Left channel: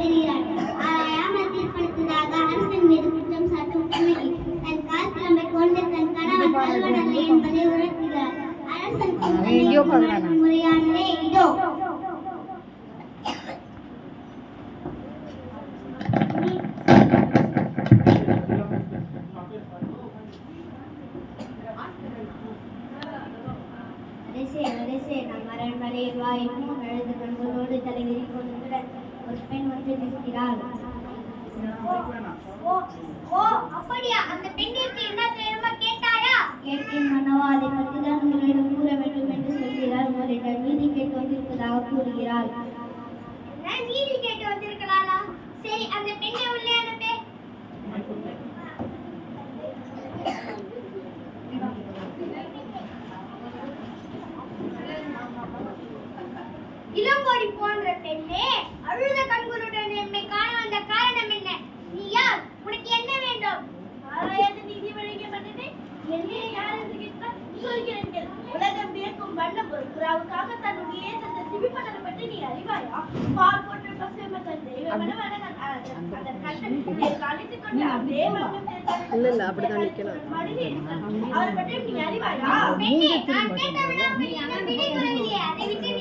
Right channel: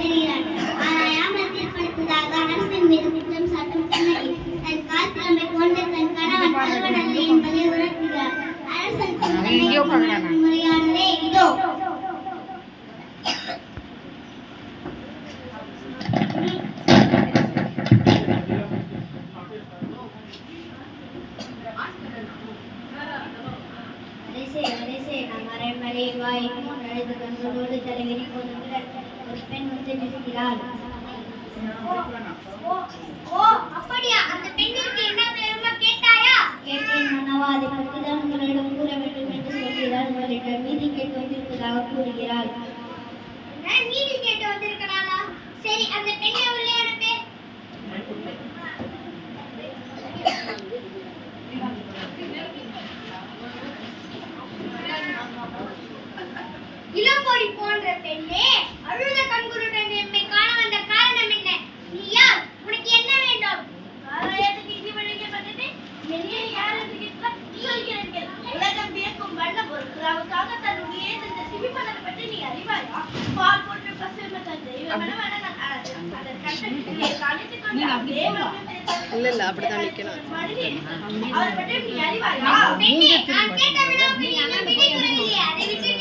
பெறுகிறார். ஆராயாமல் தீர்ப்பளித்ததாக அரசின் மீது குற்றம் சாட்டும் கண்ணகி தன் காத்திரமை கொண்டு தன் கணவன் கல்வன் அல்ல என்பதை உணர்த்துகிறார். அரசன் முறையானதே இதோ. தலைவிரி கொண்டு ஒரு பெண் வந்து நிற்கிறாள். அப்படியா? அந்த பெண்ணிற்கு என்ன தெரியுமா கேட்டாயா? கேட்டேன் மன்னவா, அதை பற்றிதான் உங்களிடம் கூற வேண்டும் என்று சொல்கிறாள். உங்களிடம் நீதி கேட்டு வந்திருப்பதாக கூறுகிறாள். நீதி கேட்டு வந்திருக்கிறாளா? சரி, அந்த பெண்ணை உள்ளே அனுப்பே. இளங்கோடி போன்ற பெண்ணே, அழுத கண்களுடன் எம்மை காண வந்த காரணம் என்ன? நீ யார்? உனக்கு என்ன வேண்டும்? ஆராயத்து நீதி வழங்கப்பட்டது. என்னை யார் என்று கேட்க சொல்கிறீர்கள். உலகம் வியக்கும் வண்ண பொருட்களாக தன்னுடைய தந்த சிவிப்பதனை பற்றி நீ அறிவாயா? பால் போன்ற பசுமை தந்த தெய்வமன வனங்கள் அதன் கட்டத்திலே காணித்துக் கொண்டு அப்படியே இல்ல அப்படிதான் நிக்கணும். அவர் பற்றி நீ அறிவாயா? பெண்ணே, நான் கேட்ட வினாவுக்கு நீ என்ன விடை கூறவில்லை. அதை விட்டு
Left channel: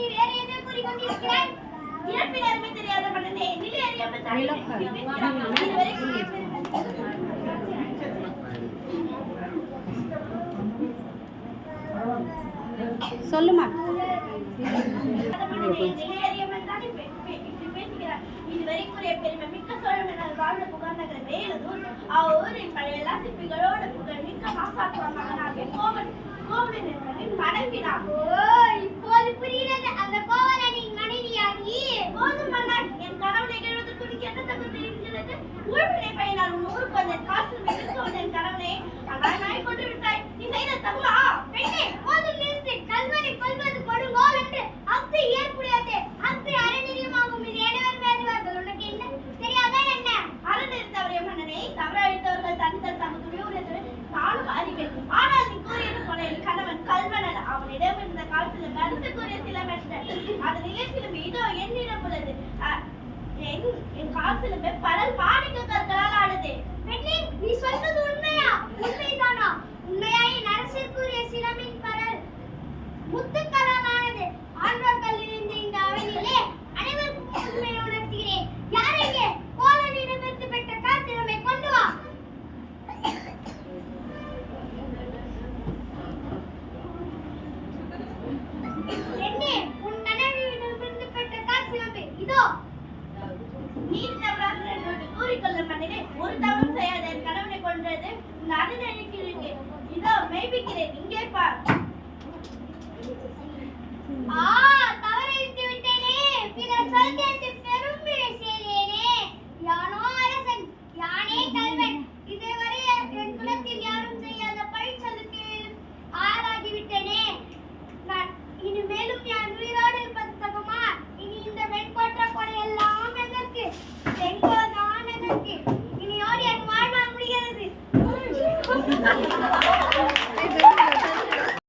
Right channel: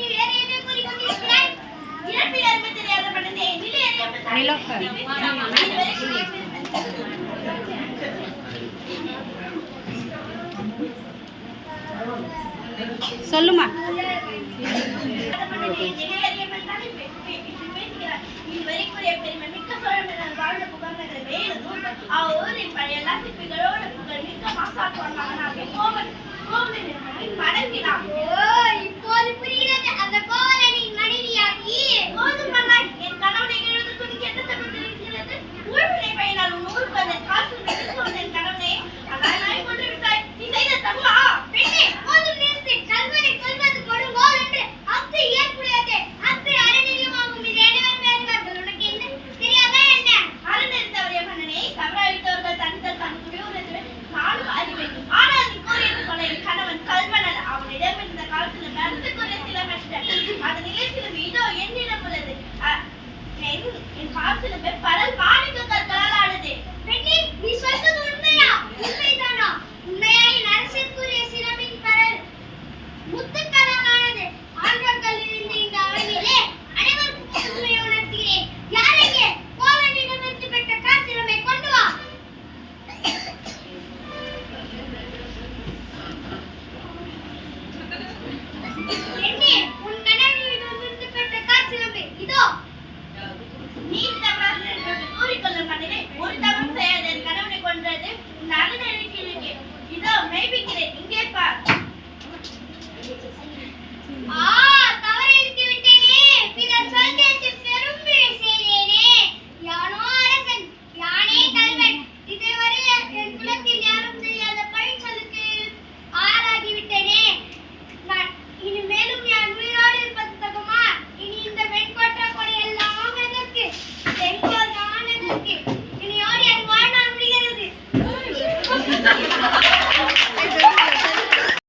நீ வேற என்ன கூறி கொண்டிருக்கிறாய்? இறப்பில் அருமை தெரியாத மனதே, நிலை அறியாமல் சொல்லுமா. இதுவரைக்குரிய பெருமை மிக்க சோழமன்னர் வாழ்ந்த புகழ்நகர் வேலூர் அவ்வூரின் பழைய சிற்பிகளோட புகழ் மிக்க மாசாத்துவன் மகனாக கோவலனின் மனைவினார். இப்போது புரிகிறது அந்த கோவலனின் மனைவியாகி. போதும் மன்னாய், என் கணவனை எழுதுக்கு என்ன தமிழ் இருக்கிறது? ஊழ்வினை பயினால் உன் ஊருக்கு வந்த காசு எடுத்து வந்த என் கணவனை அதாய் கொண்டு விட்டாய். நீ செய்த தவா? பெண்ணே, போதும் நிறுத்து. கல்வனை கொல்வது கொடுங்கோல் என்று அத்து ஏற்புடையது. அத்து அறநெறியமாகும். இது அனைவரும் அறிவார்கள். உனக்கு என்ன தெரியாதா என்ன? அறநெறித்தவரே மன்னனே, தவறழித்தவர்கள் தனித்தல் தன் குடியுள்ளது நானும் அறிவேன். ஆனால் நீ கூறியது போல என் கணவன் கல்வனல். அவனிடம் இருந்த காலத்தில் நடத்துக்குரிய சிலமற்ற அதன் நிலைத்திலும் இதோ என்னிடம் உள்ளது. என் காலத்திலுமே பரல் மாணிக்க கற்களால் ஆனது. பெண்ணே, நீ சொல்வது உண்மையா? உண்மைதானா? உண்மையாயின் அரசிற்குரிய சிலமின் பரல் முத்துக்களால் ஆனது. ஆண்கள் இருந்து இந்த அவையிலே அனைவருக்கும் உண்மையை உணர்த்துகிறேன். யாரையே கோவலனிடம் இருந்து பெற்ற காத்திரமை கொண்டு வா. பெண்ணே, உன் கணவனிடம் இருந்து பெற்ற காத்திரமை இதோ. நீ கூறிக்கொள்ள மன்னனே, ஒரு தவறும் செய்யாத என் கணவனை கொன்றது உன் அருள் இருக்கிறேன். இதோ மெய்ப்பிக்கிறேன். இங்கே